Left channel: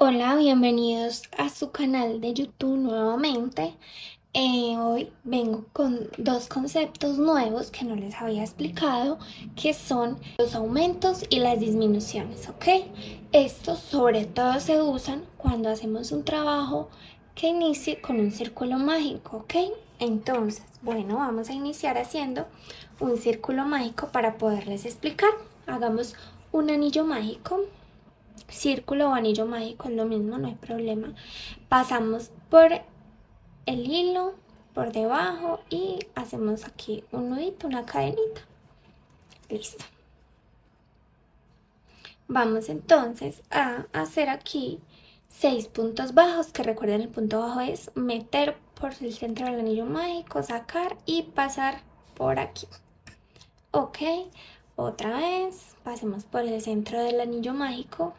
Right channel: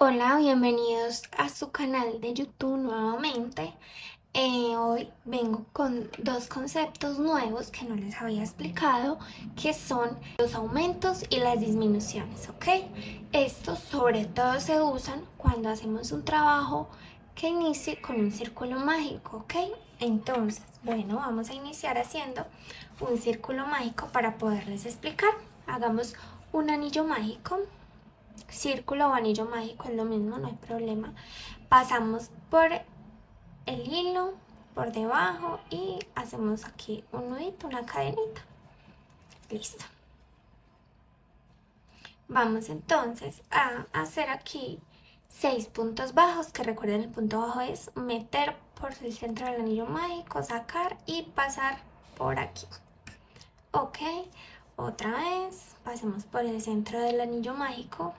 Hola, bienvenidos a su canal de YouTube nuevamente. Hoy vengo con dos conceptos nuevos que no les había explicado, que son los aumentos y las disminuciones, ¿ok? Estos sobre todo se usan cuando hacemos un trabajo que inicie con un círculo mágico, ¿ok? Entonces, bueno, vamos a iniciar haciendo un círculo mágico para poderles explicar. Hagamos un anillo mágico. Círculo o anillo mágico es lo mismo, no hay problema. Pasamos por el hilo, por debajo y hacemos aquí un nudito, una cadenita. Listo. Vamos entonces a hacer aquí 6 puntos bajos, que recuerden el punto bajo es meter por el centro del anillo mágico, sacar y pasar por aquí. Ok, otra vez, pasemos por el centro del anillo mágico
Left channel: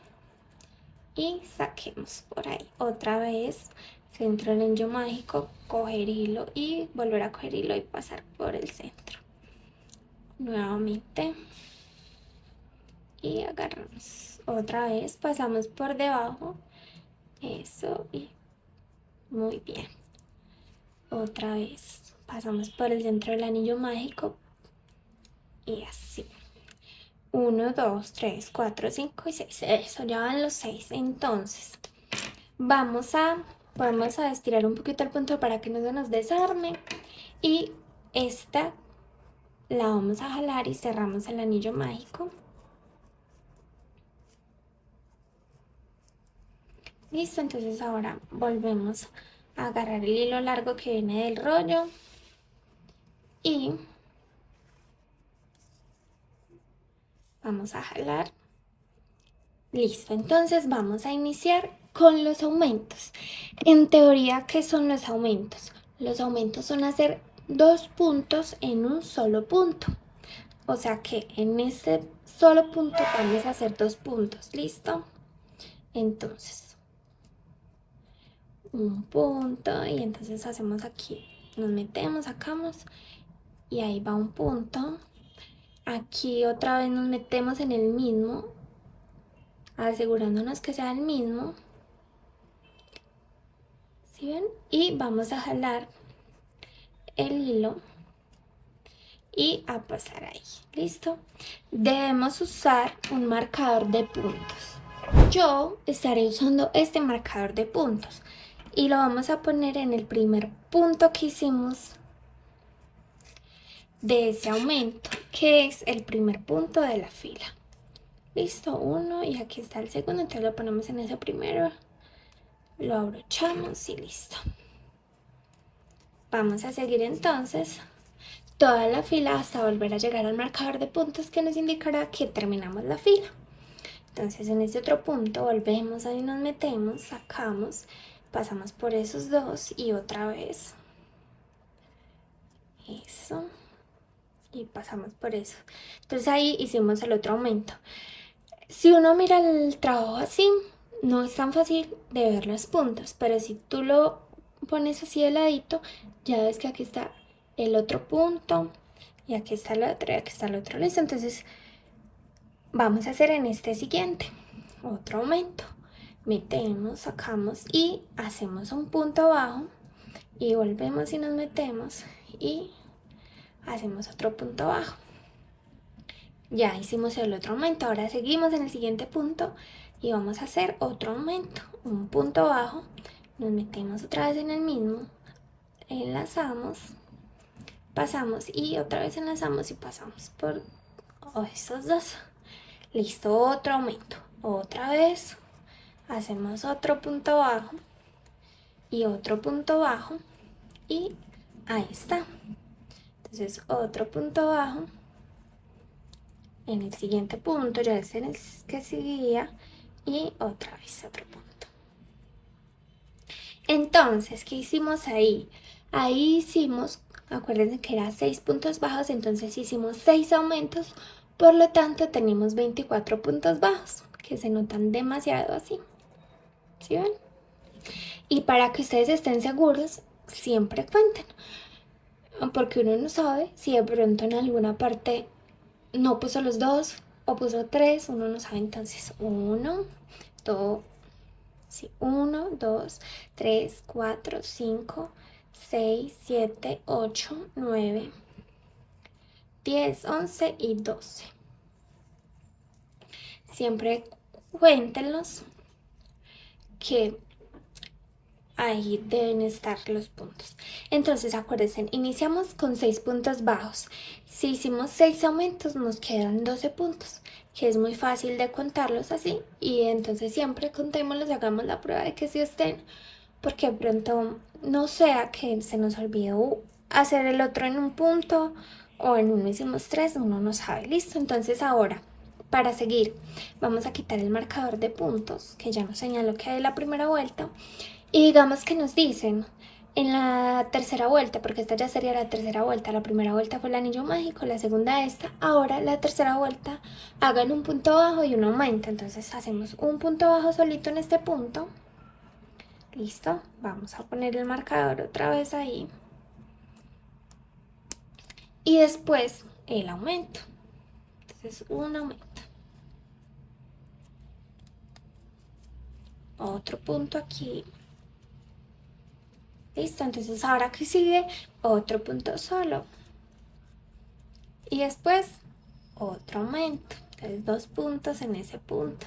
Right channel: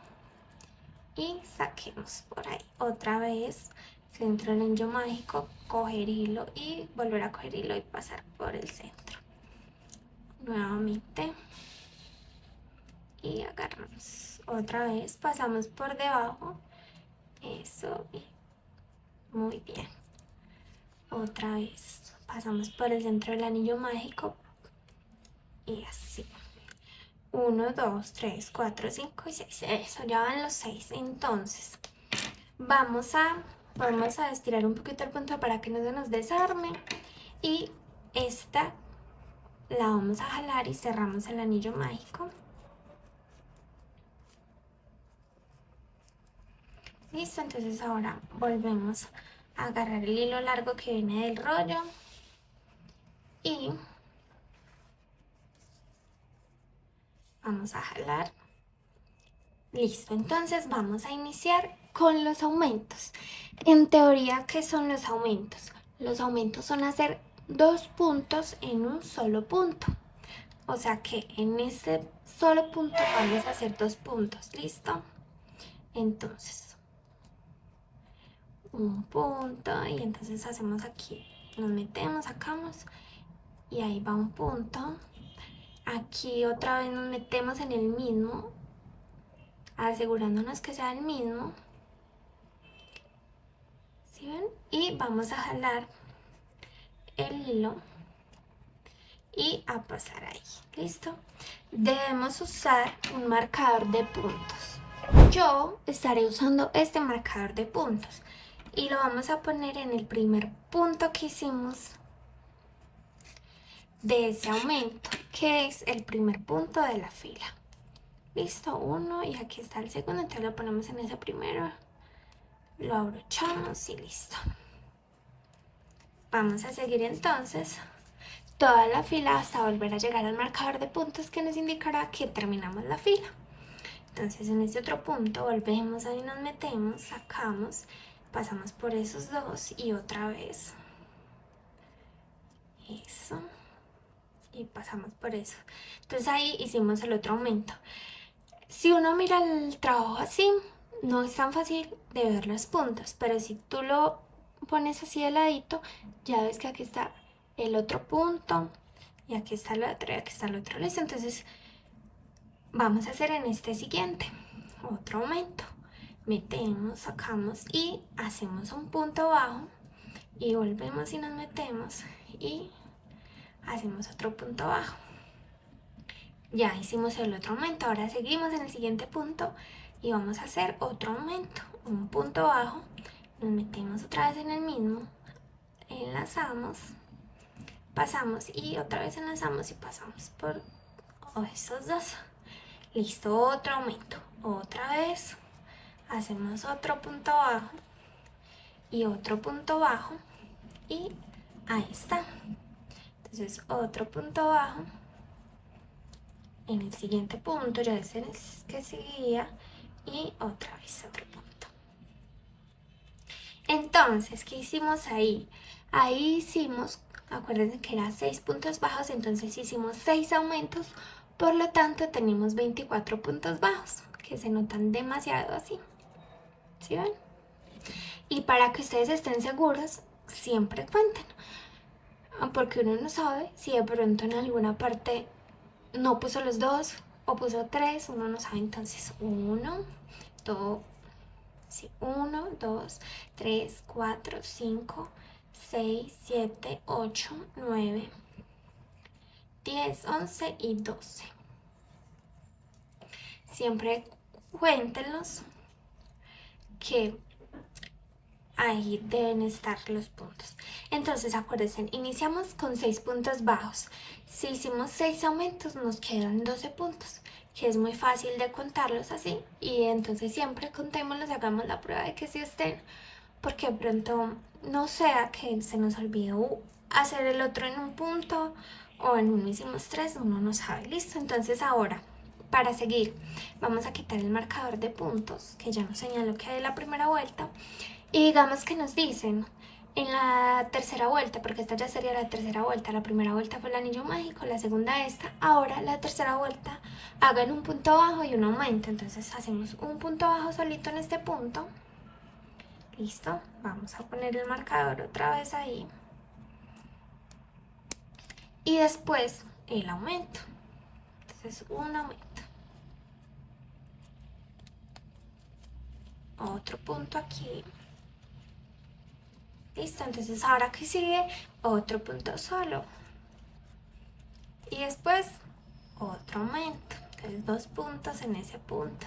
y saquemos por ahí otra vez centro del anillo mágico, coger hilo y volver a coger hilo y pasar por el centro nuevamente y agarramos otra vez, pasamos por debajo, eso, y muy bien, otra vez pasamos por el centro del anillo mágico y así 1, 2, 3, 4, 5 y 6. Eso, ya van los 6. Entonces vamos a estirar un poquito el punto para que no se nos desarme. Y esta la vamos a jalar y cerramos el anillo mágico. Listo, entonces ahora volvemos a agarrar el hilo largo que viene del rollo y vamos a jalar. Listo, entonces vamos a iniciar con los aumentos. En teoría, ¿qué son los aumentos? Los aumentos son hacer dos puntos en un solo punto. O sea que en este solo punto vamos a hacer dos puntos, ¿listo? Entonces, un punto y entonces hacemos aquí, nos metemos, sacamos y ahí va un punto. Aquí otra vez nos metemos en el mismo, asegurándonos que sea el mismo. ¿Sí ven? Y vamos a jalar el hilo y a pasar ahí. ¿Listo? Debemos usar un marcador de puntos. Yo estaré usando este marcador de puntos y lo vamos a poner en el primer punto que hicimos de ese aumento, que es el primer punto de la fila. Listo, uno, y aquí está el segundo, entonces lo ponemos en ese primero, lo abrochamos y listo. Vamos a seguir entonces toda la fila hasta volver a llegar al marcador de puntos que nos indicará que terminamos la fila. Entonces en este otro punto volvemos, ahí nos metemos, sacamos, pasamos por esos dos y otra vez eso, y pasamos por eso. Entonces ahí hicimos el otro aumento. Si uno mira el trabajo así, no es tan fácil de ver los puntos, pero si tú lo pones así de ladito, ya ves que aquí está el otro punto y aquí está el otro y aquí está el otro. Listo, entonces vamos a hacer en este siguiente otro aumento. Metemos, sacamos y hacemos un punto bajo y volvemos y nos metemos y hacemos otro punto bajo. Ya hicimos el otro aumento, ahora seguimos en el siguiente punto y vamos a hacer otro aumento, un punto bajo, nos metemos otra vez en el mismo, enlazamos, pasamos y otra vez enlazamos y pasamos por estos dos. Listo, otro aumento, otra vez hacemos otro punto bajo y otro punto bajo y ahí está. Entonces otro punto bajo en el siguiente punto, ya es en el que seguía, y otra vez otro punto. Entonces, ¿qué hicimos ahí? Ahí hicimos, acuérdense que era 6 puntos bajos, entonces hicimos 6 aumentos, por lo tanto tenemos 24 puntos bajos, que se notan demasiado así. ¿Sí ven? Y para que ustedes estén seguros, siempre cuenten, porque uno no sabe si de pronto en alguna parte no puso los dos o puso tres, uno no sabe. Entonces 1, 2, Sí, 1, 2, 3, 4, 5, 6, 7, 8, 9, 10, 11 y 12. Siempre cuéntenlos que ahí deben estar los puntos. Entonces acuérdense, iniciamos con 6 puntos bajos. Si hicimos 6 aumentos nos quedan 12 puntos, que es muy fácil de contarlos así. Y entonces siempre contémoslos y hagamos la prueba de que sí estén, porque de pronto no sea que se nos olvidó hacer el otro en un punto o en uno hicimos 3, uno no sabe. Listo, entonces ahora para seguir vamos a quitar el marcador de puntos que ya nos señaló que hay la primera vuelta. Y digamos que nos dicen en la tercera vuelta, porque esta ya sería la tercera vuelta, la primera vuelta fue el anillo mágico, la segunda esta, ahora la tercera vuelta hagan un punto bajo y un aumento. Entonces hacemos un punto bajo solito en este punto. Listo, vamos a poner el marcador otra vez ahí. Y después el aumento. Entonces un aumento. Otro punto aquí. Listo, entonces ahora que sigue otro punto solo. Y después otro aumento. Entonces 2 puntos en ese punto.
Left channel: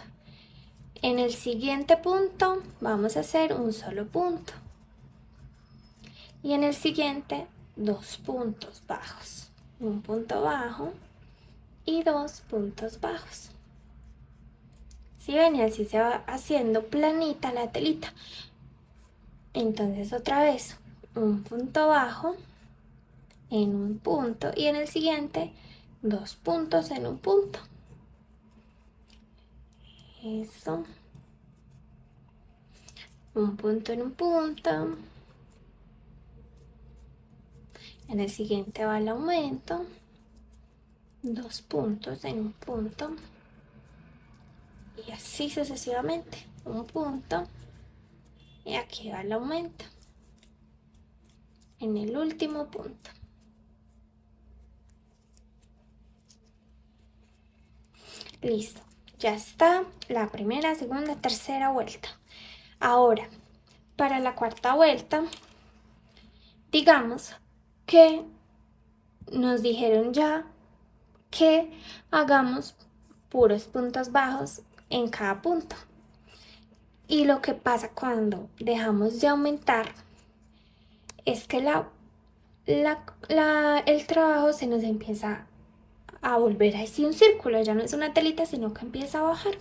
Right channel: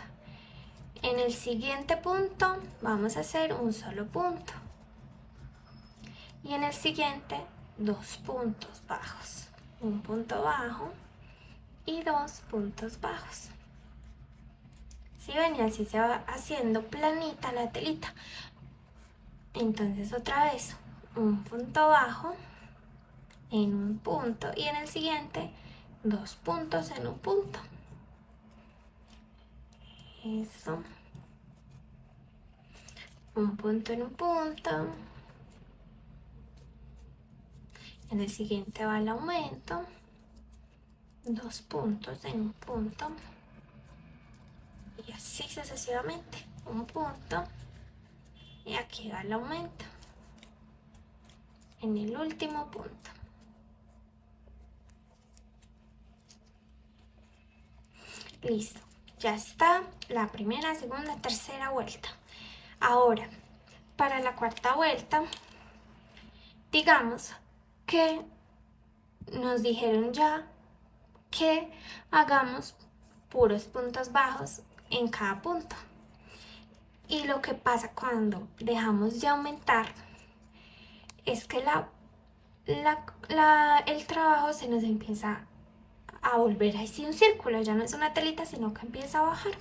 En el siguiente punto vamos a hacer un solo punto. Y en el siguiente 2 puntos bajos. Un punto bajo y 2 puntos bajos. Si ven, y así se va haciendo planita la telita. Entonces otra vez un punto bajo en un punto y en el siguiente 2 puntos en un punto. Eso. Un punto en un punto. En el siguiente va el aumento. 2 puntos en un punto. Y así sucesivamente. Un punto. Y aquí va el aumento. En el último punto. Listo. Ya está la primera, segunda, tercera vuelta. Ahora, para la cuarta vuelta, digamos que nos dijeron ya que hagamos puros puntos bajos en cada punto. Y lo que pasa cuando dejamos de aumentar es que el trabajo se nos empieza a volver así un círculo, ya no es una telita, sino que empieza a bajar.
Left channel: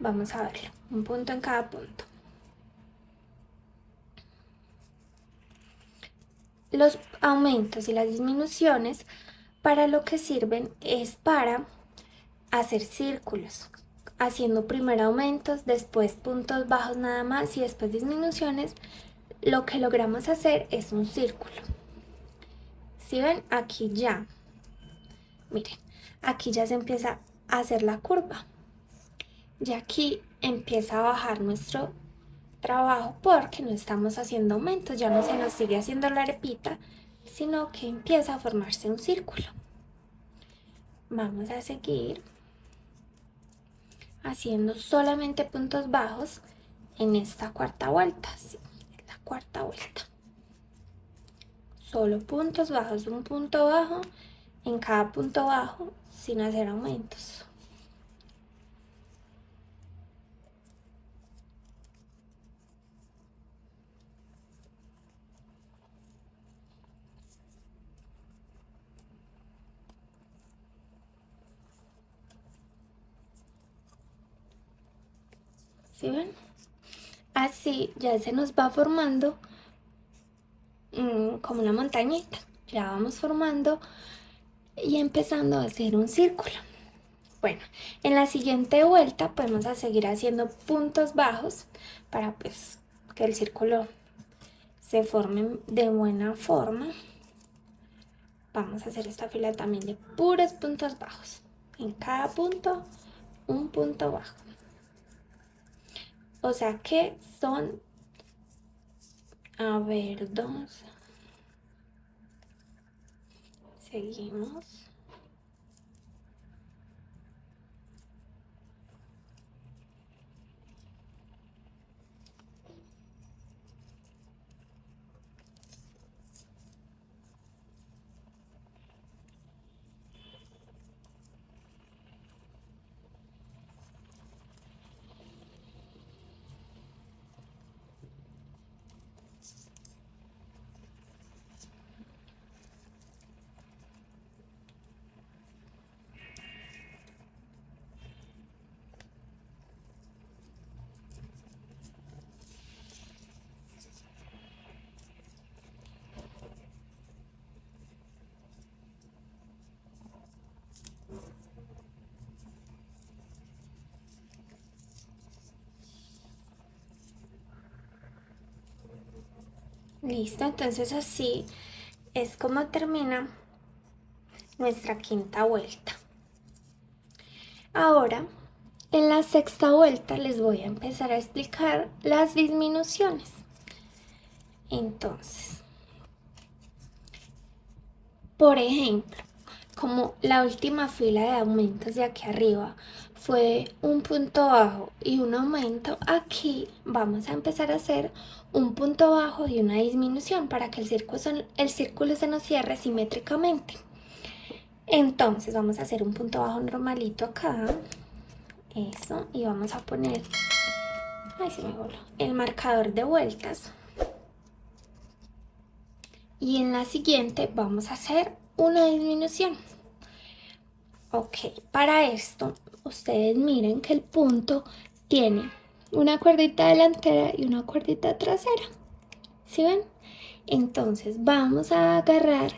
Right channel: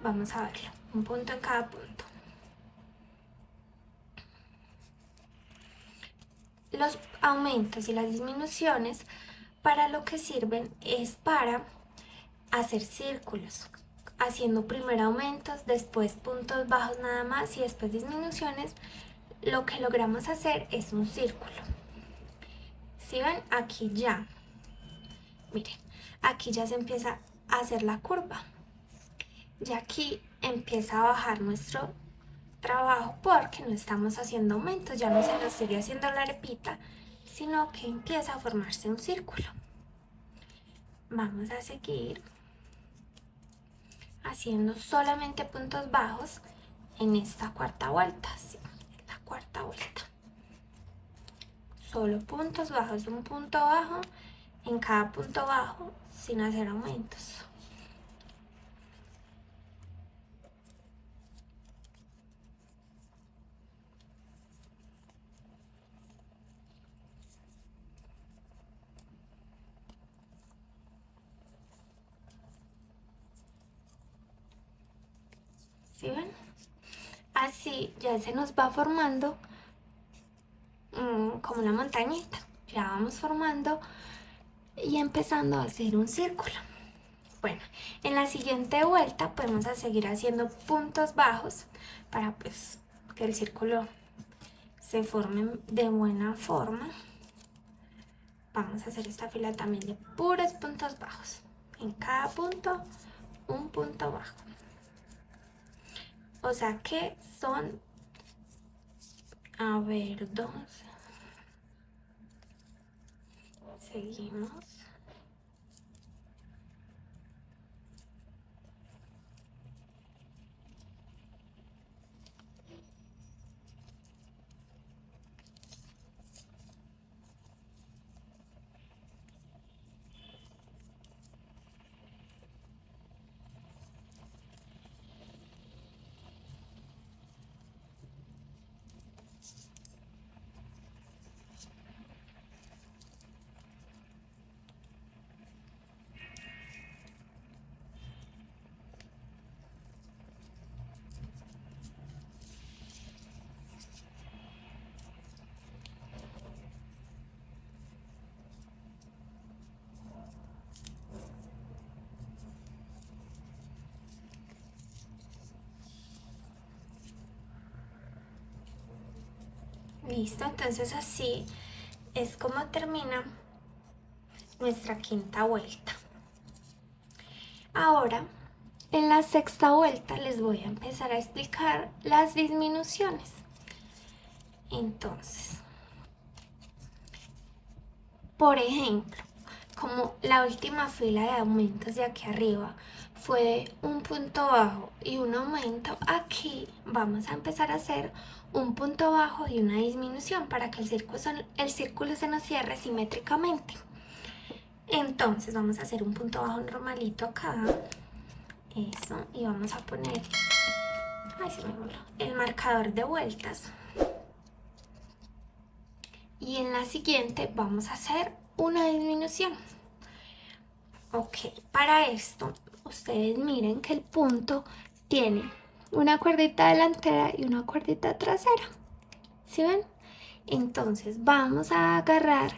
Vamos a verlo, un punto en cada punto. Los aumentos y las disminuciones para lo que sirven es para hacer círculos, haciendo primero aumentos, después puntos bajos nada más y después disminuciones. Lo que logramos hacer es un círculo. Si ven, aquí ya, miren, aquí ya se empieza a hacer la curva. Y aquí empieza a bajar nuestro trabajo porque no estamos haciendo aumentos, ya no se nos sigue haciendo la arepita, sino que empieza a formarse un círculo. Vamos a seguir haciendo solamente puntos bajos en esta cuarta vuelta, sí, la cuarta vuelta. Solo puntos bajos, un punto bajo en cada punto bajo sin hacer aumentos. ¿Sí ven? Así ya se nos va formando como una montañita. Ya vamos formando y empezando a hacer un círculo. Bueno, en la siguiente vuelta podemos seguir haciendo puntos bajos para pues que el círculo se forme de buena forma. Vamos a hacer esta fila también de puros puntos bajos. En cada punto, un punto bajo. O sea que son, a ver, 2. Seguimos. Listo, entonces así es como termina nuestra quinta vuelta. Ahora, en la sexta vuelta les voy a empezar a explicar las disminuciones. Entonces, por ejemplo, como la última fila de aumentos de aquí arriba fue un punto bajo y un aumento, aquí vamos a empezar a hacer un punto bajo y una disminución para que el círculo se nos cierre simétricamente. Entonces vamos a hacer un punto bajo normalito acá, eso, y vamos a poner, ay, se me voló, el marcador de vueltas. Y en la siguiente vamos a hacer una disminución. Ok, para esto ustedes miren que el punto tiene una cuerdita delantera y una cuerdita trasera. ¿Sí ven? Entonces vamos a agarrar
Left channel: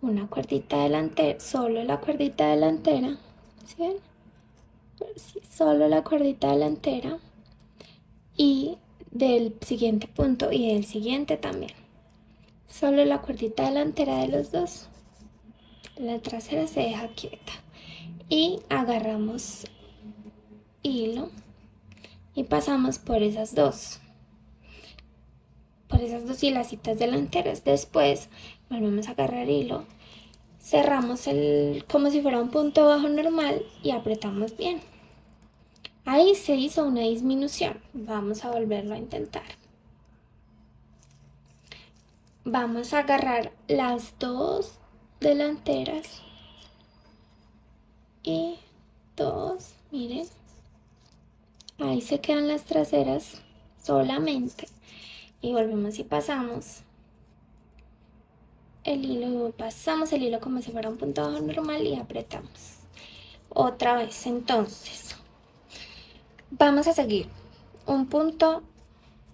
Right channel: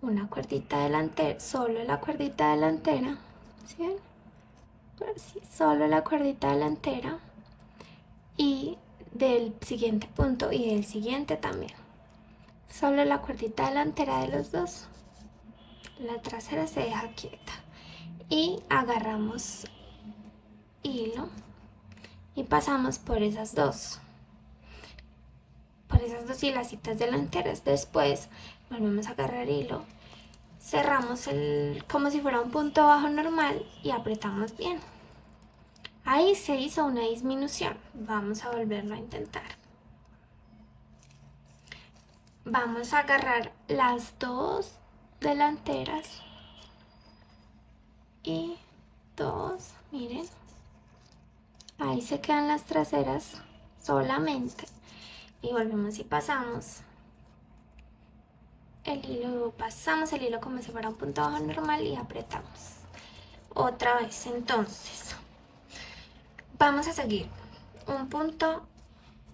una cuerdita delantera, solo la cuerdita delantera. ¿Sí ven? Así, solo la cuerdita delantera. Y del siguiente punto y del siguiente también. Solo la cuerdita delantera de los dos. La trasera se deja quieta. Y agarramos hilo y pasamos por esas dos hilacitas delanteras. Después volvemos a agarrar hilo, cerramos como si fuera un punto bajo normal y apretamos bien. Ahí se hizo una disminución. Vamos a volverlo a intentar. Vamos a agarrar las dos delanteras y dos, miren, ahí se quedan las traseras solamente. Y volvemos y pasamos el hilo, como si fuera un punto bajo normal y apretamos otra vez. Entonces vamos a seguir un punto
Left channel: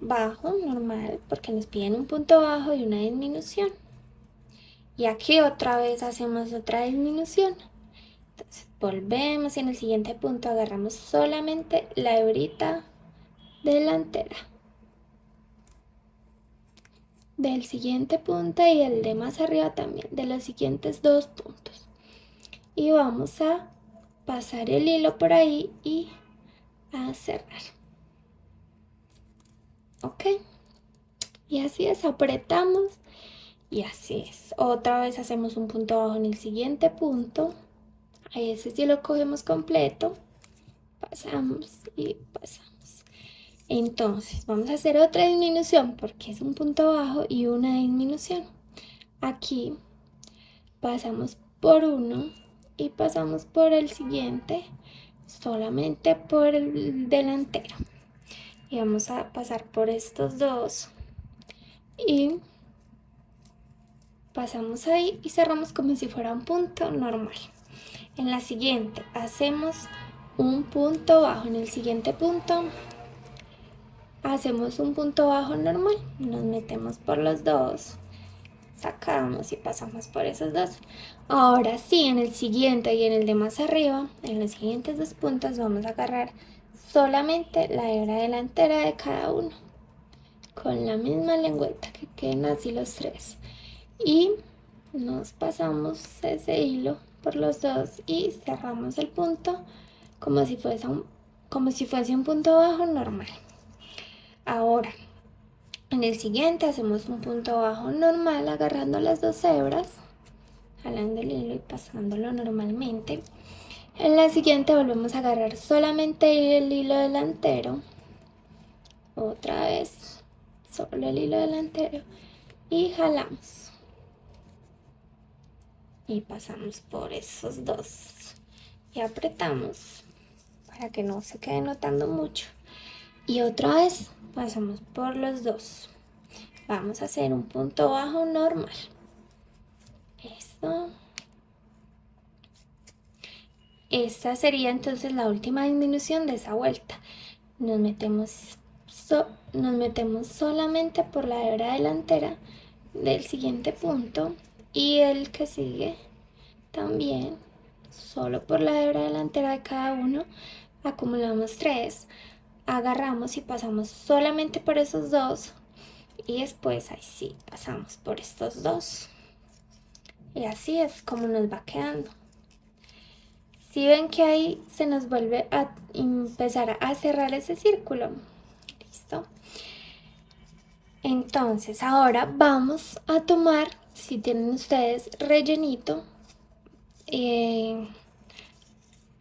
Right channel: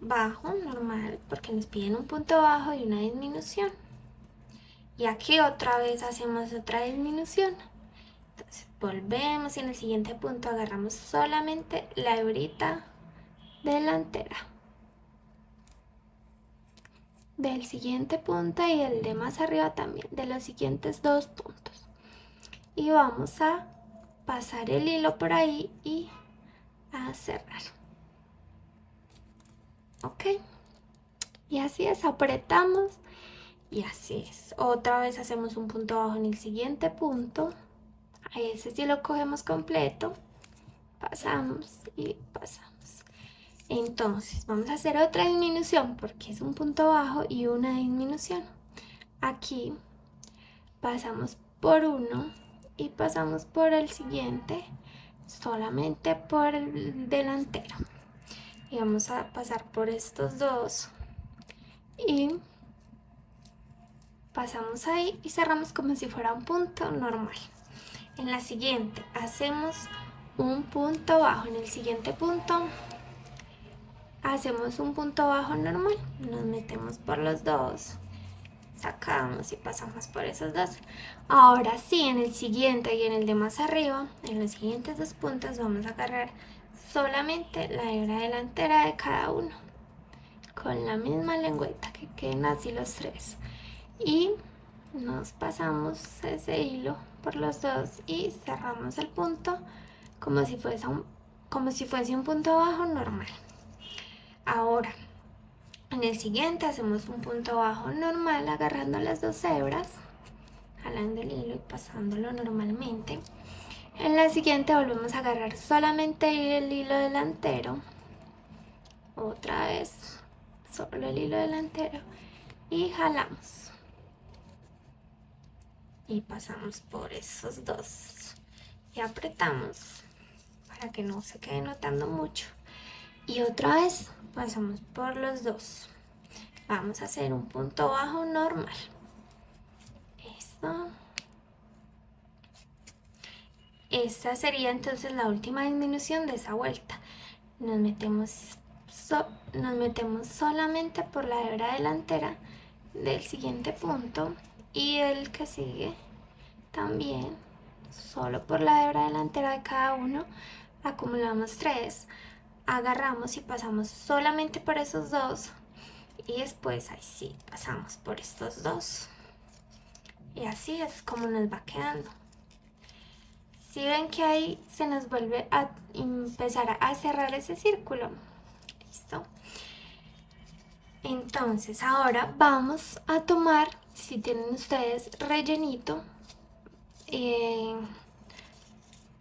bajo normal porque nos piden un punto bajo y una disminución, y aquí otra vez hacemos otra disminución. Entonces volvemos y en el siguiente punto agarramos solamente la hebrita delantera del siguiente punto y el de más arriba también, de los siguientes dos puntos, y vamos a pasar el hilo por ahí y a cerrar. Ok, y así es, apretamos y así es. Otra vez hacemos un punto bajo en el siguiente punto, ahí ese sí lo cogemos completo, pasamos y pasamos. Entonces vamos a hacer otra disminución porque es un punto bajo y una disminución. Aquí pasamos por uno y pasamos por el siguiente solamente por el delantero, y vamos a pasar por estos dos y pasamos ahí y cerramos como si fuera un punto normal. En la siguiente hacemos un punto bajo, en el siguiente punto hacemos un punto bajo normal, nos metemos por los dos, sacamos y pasamos por esos dos. Ahora sí, en el siguiente y en el de más arriba, en los siguientes dos puntos vamos a agarrar solamente la hebra delantera de cada uno con la misma lengüeta, que queden así los tres, y nos pasamos ese hilo por los dos y cerramos el punto como si fuese un punto bajo normal. Ahora en el siguiente hacemos un punto bajo normal agarrando las dos hebras, jalando el hilo y pasándolo normalmente. En la siguiente volvemos a agarrar solamente el hilo delantero, otra vez solo el hilo delantero, y jalamos y pasamos por esos dos y apretamos para que no se quede notando mucho, y otra vez pasamos por los dos. Vamos a hacer un punto bajo normal. Esto. Esta sería entonces la última disminución de esa vuelta. Nos metemos solamente por la hebra delantera del siguiente punto, y el que sigue también solo por la hebra delantera de cada uno. Acumulamos tres, agarramos y pasamos solamente por esos dos y después ahí sí pasamos por estos dos y así es como nos va quedando. Si ven que ahí se nos vuelve a empezar a cerrar ese círculo, listo. Entonces ahora vamos a tomar, si tienen ustedes rellenito,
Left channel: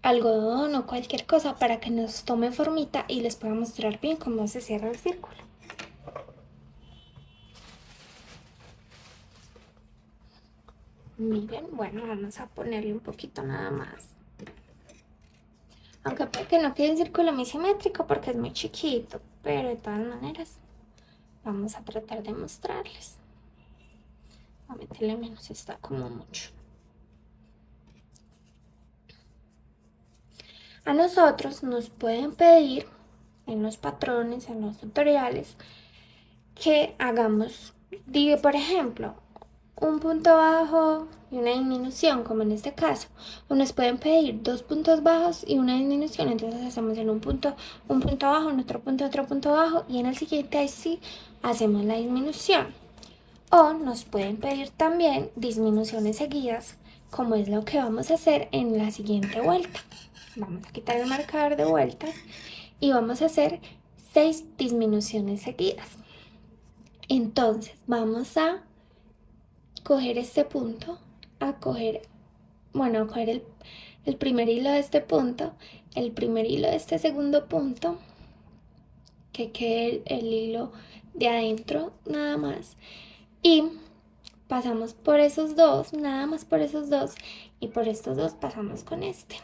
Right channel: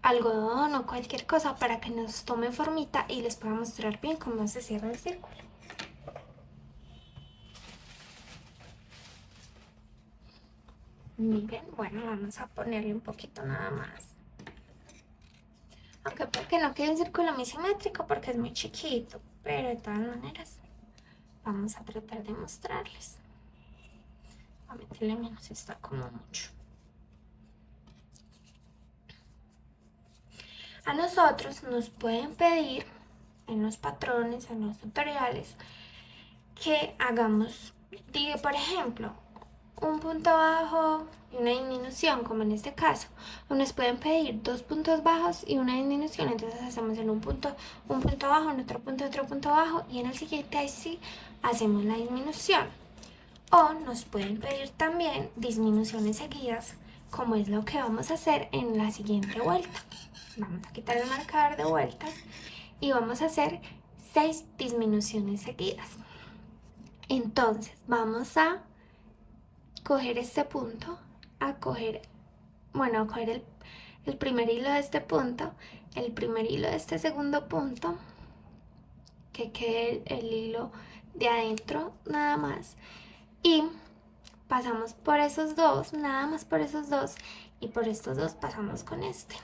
algodón o cualquier cosa para que nos tome formita y les pueda mostrar bien cómo se cierra el círculo. Miren, bueno, vamos a ponerle un poquito nada más. Aunque puede que no quede un círculo muy simétrico porque es muy chiquito, pero de todas maneras vamos a tratar de mostrarles. A meterle menos, está como mucho. A nosotros nos pueden pedir en los patrones, en los tutoriales, que hagamos, digo, por ejemplo, un punto bajo y una disminución, como en este caso, o nos pueden pedir 2 puntos bajos y una disminución, entonces hacemos en un punto bajo, en otro punto bajo, y en el siguiente ahí sí hacemos la disminución. O nos pueden pedir también disminuciones seguidas, como es lo que vamos a hacer en la siguiente vuelta. Vamos a quitar el marcador de vueltas y vamos a hacer 6 disminuciones seguidas. Entonces vamos a coger este punto, a coger el primer hilo de este punto, el primer hilo de este segundo punto, que quede el hilo de adentro nada más, y pasamos por esos dos, nada más por esos dos, y por estos dos pasamos con este.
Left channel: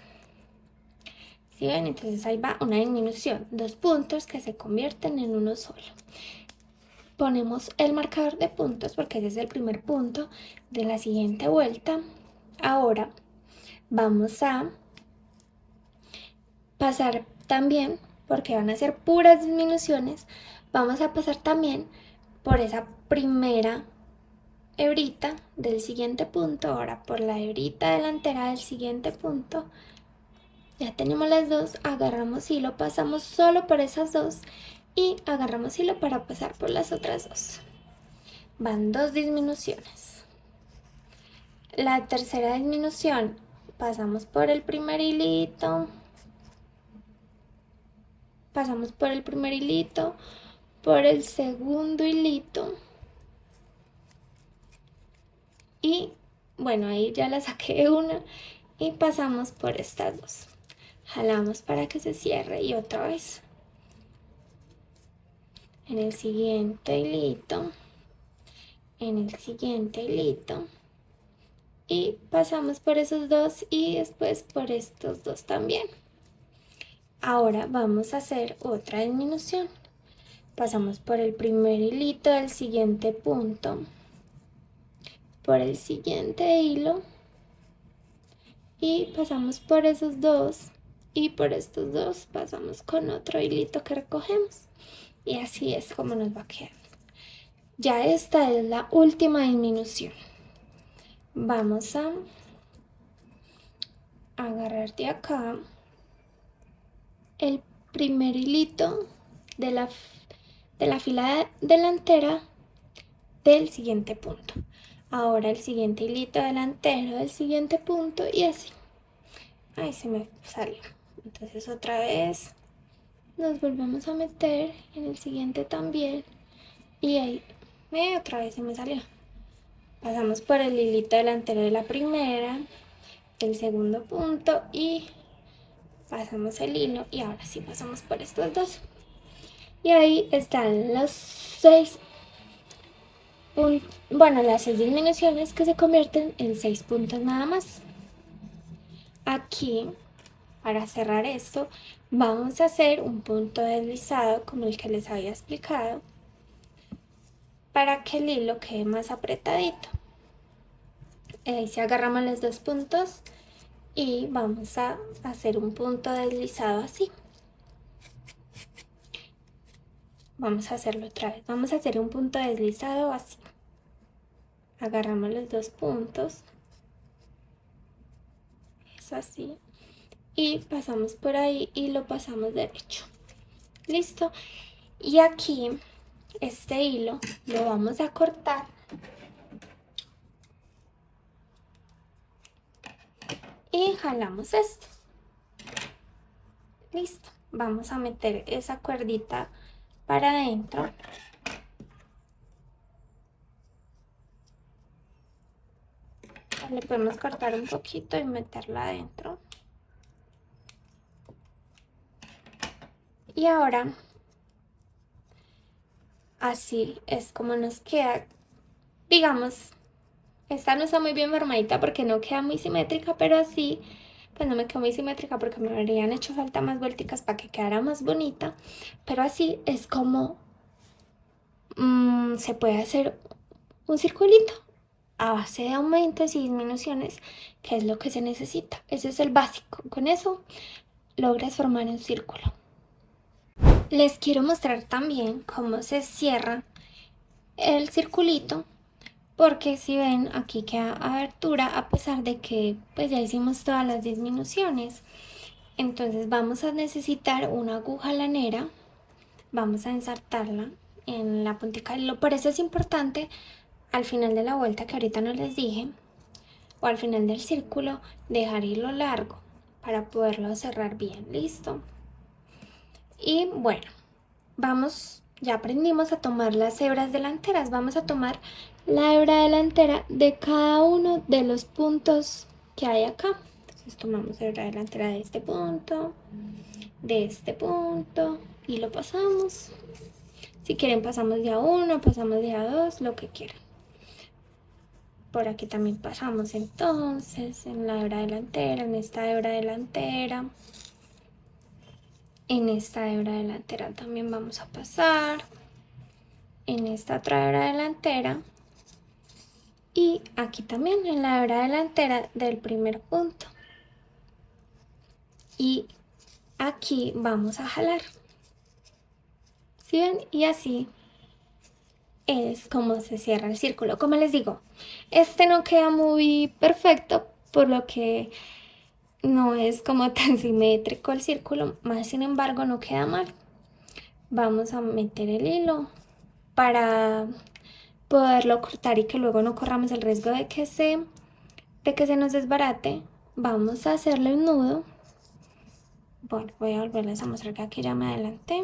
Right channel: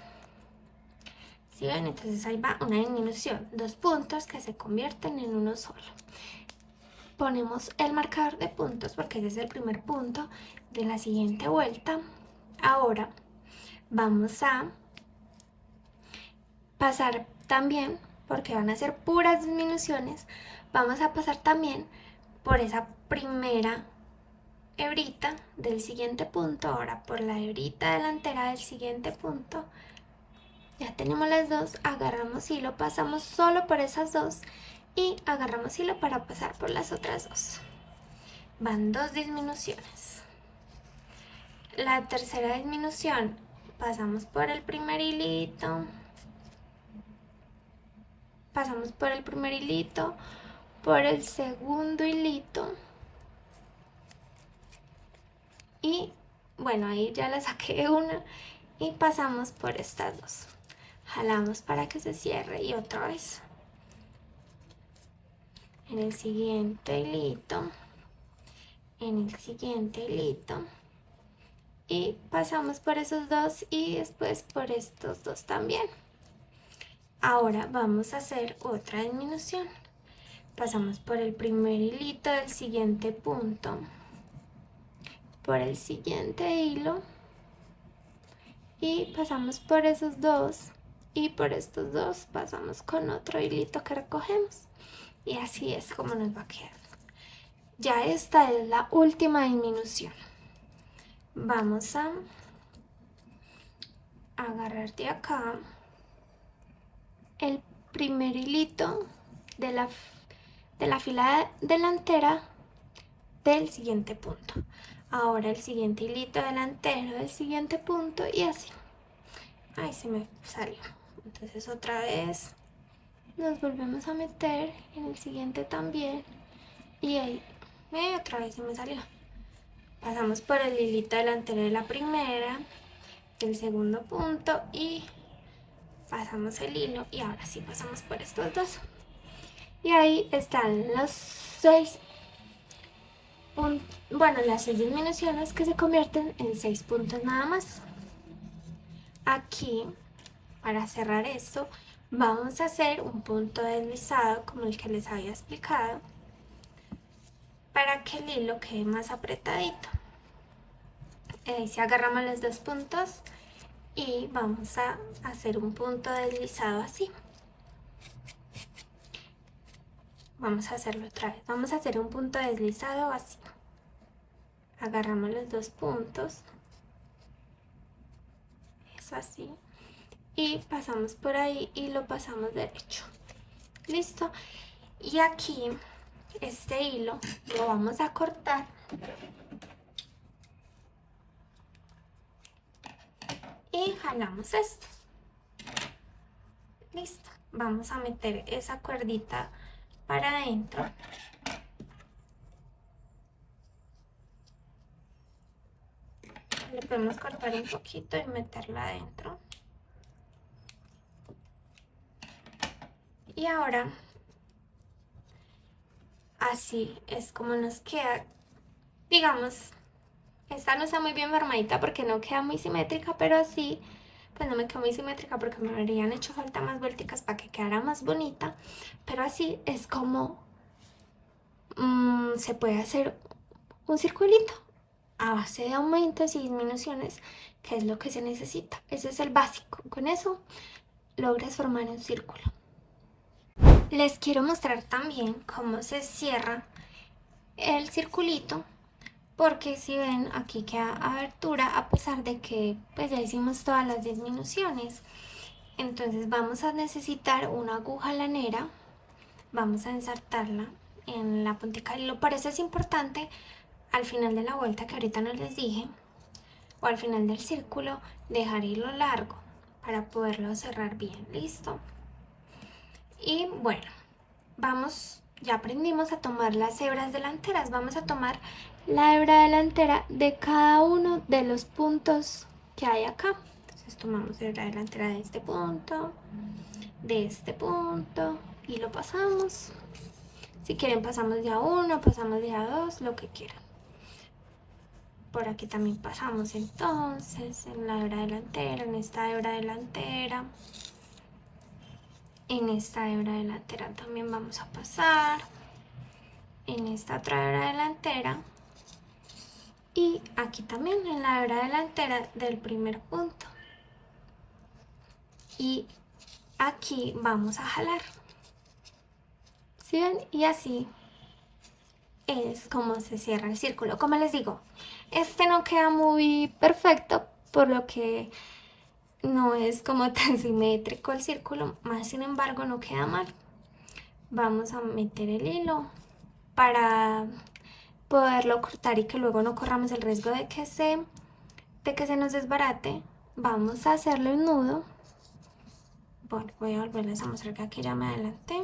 ¿Sí ven? Entonces ahí va una disminución, 2 puntos que se convierten en uno solo. Ponemos el marcador de puntos porque ese es el primer punto de la siguiente vuelta. Ahora vamos a pasar también, porque van a ser puras disminuciones, vamos a pasar también por esa primera hebrita del siguiente punto, ahora por la hebrita delantera del siguiente punto. Ya tenemos las dos, agarramos hilo, pasamos solo por esas dos y agarramos hilo para pasar por las otras dos. Van 2 disminuciones. La tercera disminución, pasamos por el primer hilito, pasamos por el primer hilito, por el segundo hilito y bueno, ahí ya la saqué una y pasamos por estas dos. Jalamos para que se cierre y otra vez en el siguiente hilito, en el siguiente hilito y pasamos por esos dos y después por estos dos también. Ahora vamos a hacer otra disminución. Pasamos por el primer hilito del siguiente punto, por el siguiente hilo y pasamos por esos dos y por estos dos pasamos con otro hilito que recogemos y así es como nos va a quedar. Ya esta es la última disminución. Vamos a agarrar de acá el primer hilito de la fila delantera del siguiente punto. Ahora el siguiente hilito delantero del siguiente punto y así. Ahí se me salió. Entonces otra vez nos volvemos a meter en el siguiente también y ahí otra vez se me salió. Pasamos por el hilito delantero de la primera, el segundo punto y pasamos el hilo y ahora sí pasamos por estos dos. Y ahí están los 6 las 6 disminuciones que se convierten en 6 puntos nada más. Aquí, para cerrar esto, vamos a hacer un punto deslizado como el que les había explicado para que el hilo quede más apretadito. Si agarramos los 2 puntos y vamos a hacer un punto deslizado así. Vamos a hacerlo otra vez. Vamos a hacer un punto deslizado así. Agarramos los 2 puntos. Eso así. Y pasamos por ahí y lo pasamos derecho. Listo. Y aquí este hilo lo vamos a cortar y jalamos este. Listo, vamos a meter esa cuerdita para adentro. Le podemos cortar un poquito y meterla adentro. Y ahora, así es como nos queda. Digamos, esta no está muy bien formadita porque no queda muy simétrica, pero así, pues no me quedó muy simétrica porque me habrían hecho falta más vuelticas para que quedara más bonita. Pero así es como se puede hacer un circulito a base de aumentos y disminuciones, que es lo que se necesita. Ese es el básico. Con eso logras formar un círculo. Les quiero mostrar también cómo se cierra el circulito, porque si ven aquí queda abertura a pesar de que pues ya hicimos todas las disminuciones. Entonces vamos a necesitar una aguja lanera, vamos a ensartarla en la puntica del hilo. Por eso es importante al final de la vuelta, que ahorita no les dije, o al final del círculo, dejar hilo largo para poderlo cerrar bien. Listo. Y bueno, ya aprendimos a tomar las hebras delanteras. Vamos a tomar la hebra delantera de cada uno de los puntos que hay acá. Entonces tomamos hebra delantera de este punto y lo pasamos. Si quieren pasamos de a uno, pasamos de a dos, lo que quieran. Por aquí también pasamos entonces en la hebra delantera, en esta hebra delantera. En esta hebra delantera también vamos a pasar. En esta otra hebra delantera. Y aquí también en la hebra delantera del primer punto. Y aquí vamos a jalar. ¿Sí ven? Y así es como se cierra el círculo. Como les digo, este no queda muy perfecto, por lo que no es como tan simétrico el círculo, más sin embargo no queda mal. Vamos a meter el hilo para poderlo cortar y que luego no corramos el riesgo de que se nos desbarate. Vamos a hacerle un nudo. Bueno, voy a volverles a mostrar que aquí ya me adelanté.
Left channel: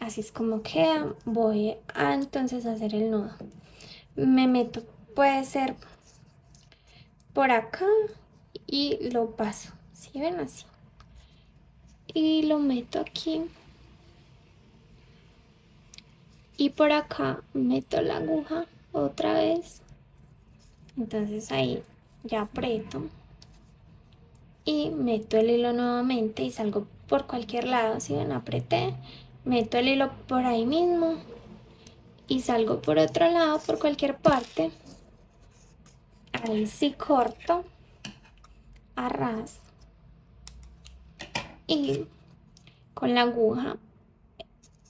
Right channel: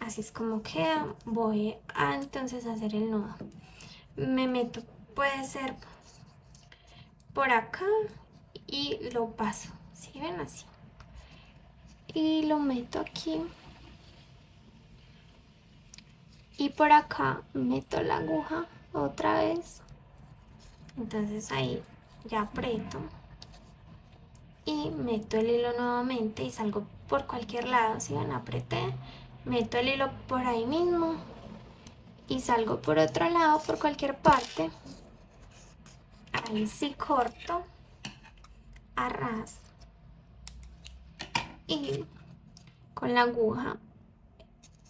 Así es como queda. Voy a entonces hacer el nudo. Me meto, puede ser por acá, y lo paso. ¿Sí ven? Así. Y lo meto aquí. Y por acá meto la aguja otra vez. Entonces ahí ya aprieto. Y meto el hilo nuevamente y salgo por cualquier lado. Si ven, apreté, meto el hilo por ahí mismo y salgo por otro lado, por cualquier parte. Ahí sí corto a ras y con la aguja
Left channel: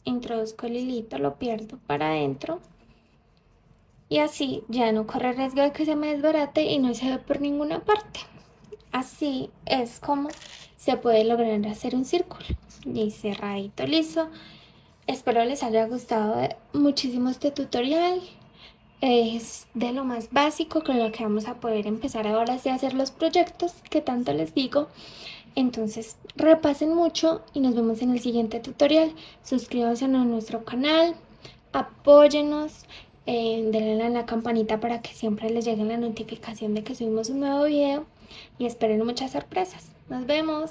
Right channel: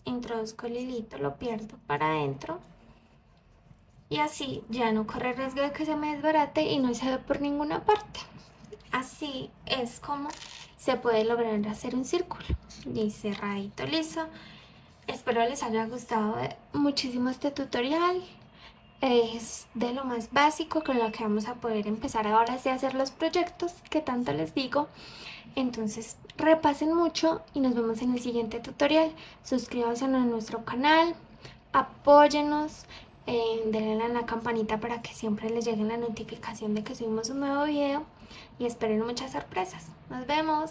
introduzco el hilito, lo pierdo para adentro y así ya no corre riesgo de que se me desbarate y no se ve por ninguna parte. Así es como se puede lograr hacer un círculo y cerradito, liso. Espero les haya gustado muchísimo este tutorial. Es de lo más básico con lo que vamos a poder empezar ahora sí a hacer los proyectos que tanto les digo. Entonces repasen mucho y nos vemos en el siguiente tutorial. Suscríbanse a nuestro canal, apóyenos, denle a la campanita para que siempre les llegue la notificación de que subimos un nuevo video y esperen muchas sorpresas. Nos vemos.